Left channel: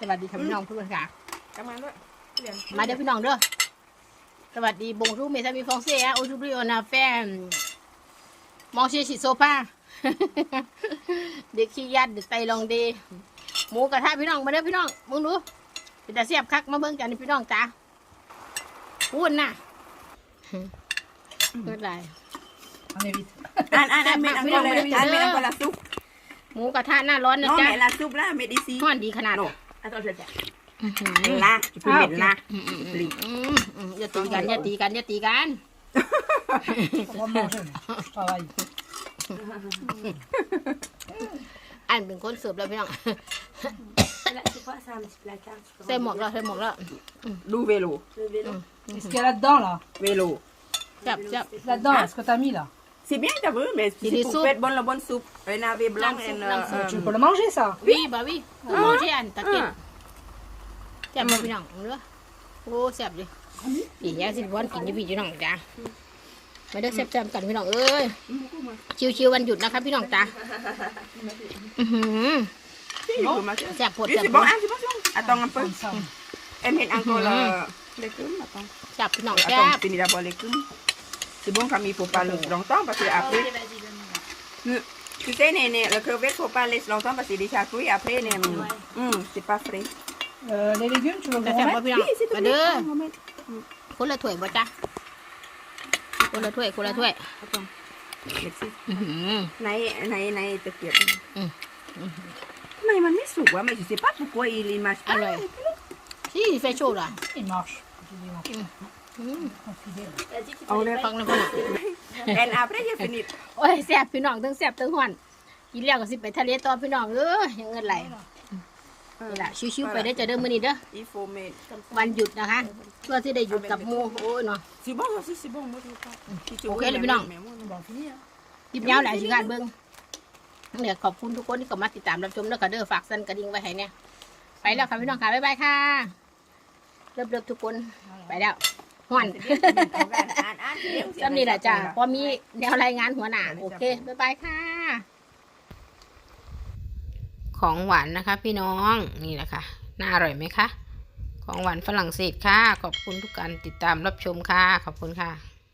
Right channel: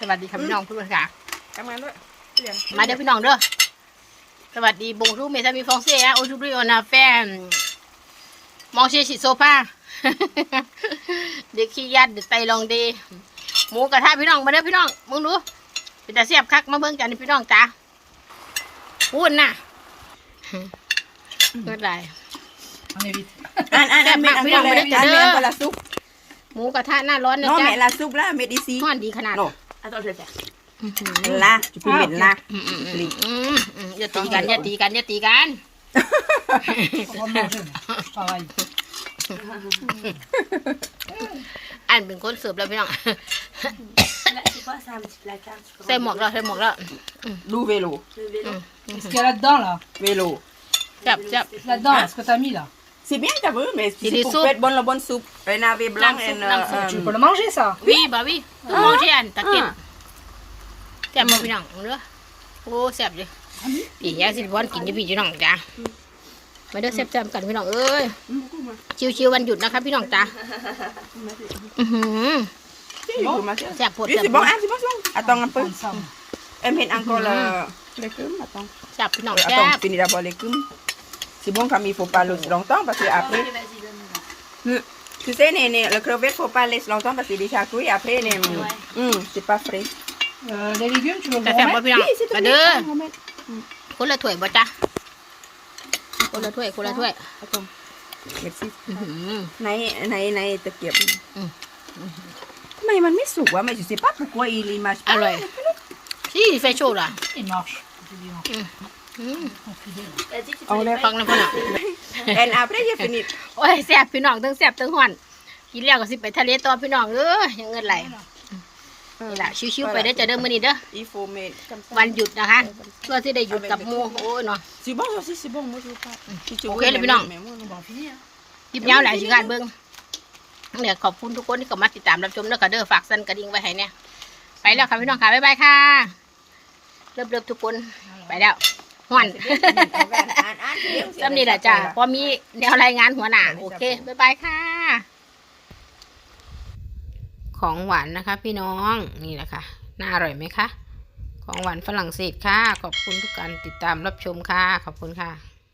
สวัสดีค่ะพี่น้องทุกคนค่ะทำงานด้วยเรียนมาเด้อพี่น้องเด้อสวัสดีบงรูเมซามีฟองเซียโอชูบริโอนาแฟนมองเชียชิโซฟาเด็กขี้ยัดเด็กไตลองดีหมูกระทะพี่น้องมาเด้อพี่น้องมึงดูเป็นตาเสียบคักมาเบิ่งกันนี่พี่น้องจ้าพูดน่ะเกิดไร On évite. อ่านอ่านอ่านเม็ดอันพี่น้องไม่ได้จะเด้ออ่านเม็ดอันละซุปหมูกระทะหน้าร้อนนะน้องจ๊ะเม็ดละซุปละเม็ดอีซีห้อนดีขนาด โน่อื้อหือเม็ดละจะเป็นเม็ดละอืมอืมอืมอืมอืมอย่าตีกันอย่าตีกันอย่าตีกัน On va manger, moi. Je travaille. อันเป็นคนเสิร์ฟแล้วพี่น้อง C'est quoi ça, un petit placard tu peux ใส่หมวกแล้วใส่หมวกแล้ว ดูเวโล Le vélo. Qu'est-ce qu'il y a là-dedans, là เวโล จับจับ Là-dedans, là, ce que t'as mis, là. C'est bien t'as vu mais C'est c'est des pour soupes. faire bonne la bonne soupe un navet blanc Lambe soupe, and, lambe uh, soupe. Tu um, peux le manger, ça วิบาวิคือมองที่อันตะเกียบจับมาพี่น้องเด้อโอ้แซ่บเลยพี่ยาสิบอนกินอยู่พี่พี่น้องจ้ามาเด้อแซ่บๆกันพี่น้องเอ้ยชิวๆวันหยุดนะคะพี่น้องจ้าอื้อหือ C'est bon แซ่บโพด Oui, แซ่บ c'est โพ bon ด ah c'est bon c'est bon attends un peu Prends ça. elle met encore le légumes attends แซ่บพี่น้อง attends แซ่บ finis d'abord les légumes c'est bon comme il faut pas le longtemps parce que après Allez, vas-y, donne-moi. tu sais les, les- le crevette faut pas laisser longtemps parce que déjà cuit après les, Hum, c'est pas frais Euh, les légumes, tu veux แต่ le แซ่บบ่ remettre พี่น้อง Oui, c'est มา tout เด้อ on va mettre. คนละถ้วยบ่จ้าคนละถ้วยคนละถ้วย Attends. Merci. อื้อหือ ในในในตะเกียบอืม ทำไมมันไม่สุกวะไม่ je sais pas pourquoi il est mâche อร่อยที่เฟชโชล่ะ Il marche. Je dis, bon, อืม on fidèle. T'as dit que tu On voulais l'a- ฟังนะพ่อน่ะ and après j'ai fini โอ้ยแซ่บพี่น้องทั้งแซ่บทั้งหอนกินแล้วก็สิไปทะเลต่อพี่น้องเอ้ยยังเงินไหลนี่แหละชิวๆไปได้อจะเดิมมื้อนี้เด้อ il faut mettre comme ça วันหยุดนะคะเพื่อที่ได้หยุดกับหมูโอ้ยเนาะ c'est bon aussi c'est bon moi je veux pas Si tu Ok, veux, les mais bilans. moi, mais moi, On va en finir. คลิปยาวหลายสิการเบิ่งเดี๋ยวขอบคุณทุกคนที่เข้ามาติดตามรับชมแล้วก็เด้อฝากสั่นกระดิ่งไว้ให้เนี่ยไปแล้วค่ะพี่น้องค่ะบ๊ายบายค่ะเริ่มๆทุกคนไปแล้ว ห่อนอ่านจำนี่แหละจ้ะพอมีแนวรายงานหัวหน้าโอเค บ๊ายบายค่ะ ของหวานนะคะ พี่น้องนี่แหละค่ะ น่าอร่อยไหมคะ ของหวานฝรั่งเศสค่ะ ขอบคุณทุกการติดตามรับชมค่ะ ขอบคุณค่ะ